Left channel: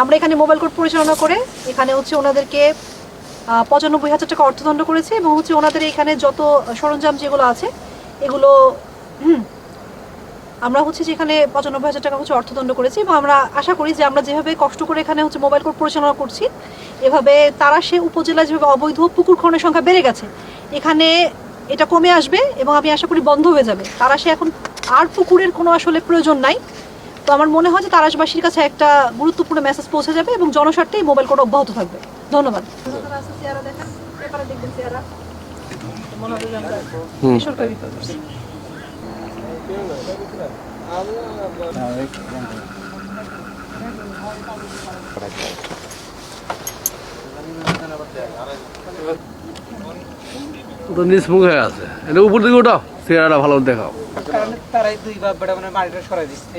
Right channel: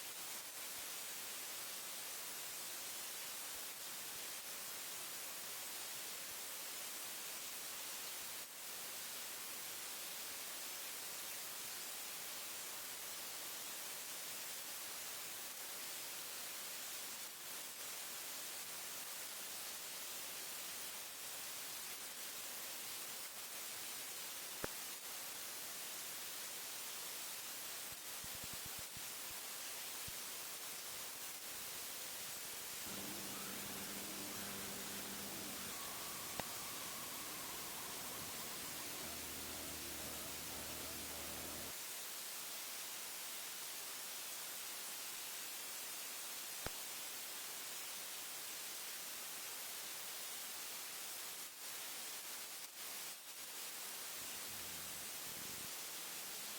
আমরা এখানে mobile court পরিচালনা করে এখানে হচ্ছে ওনাদেরকে পঁচানব্বই হাজার টাকা অর্থদণ্ড করেছে এবং হচ্ছে ওনাদের এখানে যত সরঞ্জাম যেগুলো আছে, এগুলো আমরা হচ্ছে যে এখানে পঁচানব্বই হাজার টাকা হচ্ছে অর্থদণ্ড করেছি এবং আমরা আশা করি যে আমরা যেভাবে কষ্ট করে এখানে হচ্ছে মোবাইল কোর্ট পরিচালনা করছি, এভাবে তারা সে উপজেলায় যেভাবে অবৈধ পুকুর খননের সংখ্যা বেড়ে গেছে, এখানে এটা কমে আসবে এবং আমি আশা করি বন্ধ হয়ে যাবে। তারা সে এখন আর পুকুরের কোনো আসলে প্রয়োজন নাই। তো আমার মনে হয় যে তারাশবাসীর কাছে একটা গুরুত্বপূর্ণ মেসেজ পৌঁছে যাবে এবং জনস্বার্থে এই মোবাইল কোড অব্যাহত থাকবে। ধন্যবাদ। তো হয়ে আছে। এটা উপর দিকে ওঠাও চেহারাটা ভালো দেখাও। কারণ তারাই দুই বাপ বেটা মানে মাটিটা সরাই দিচ্ছে।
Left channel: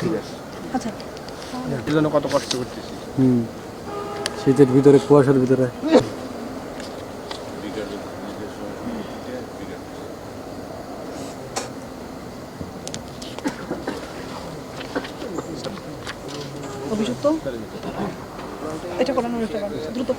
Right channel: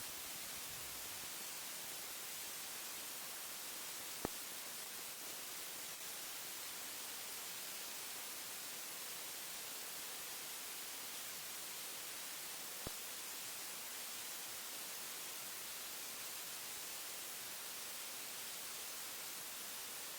ঠিক আছে আচ্ছা এর জন্য কত কষ্ট করতেছি হুম শীতের ভিতরে কুয়াশার ভিতরে অভিযুক্ত এটা করানোর দ্রুত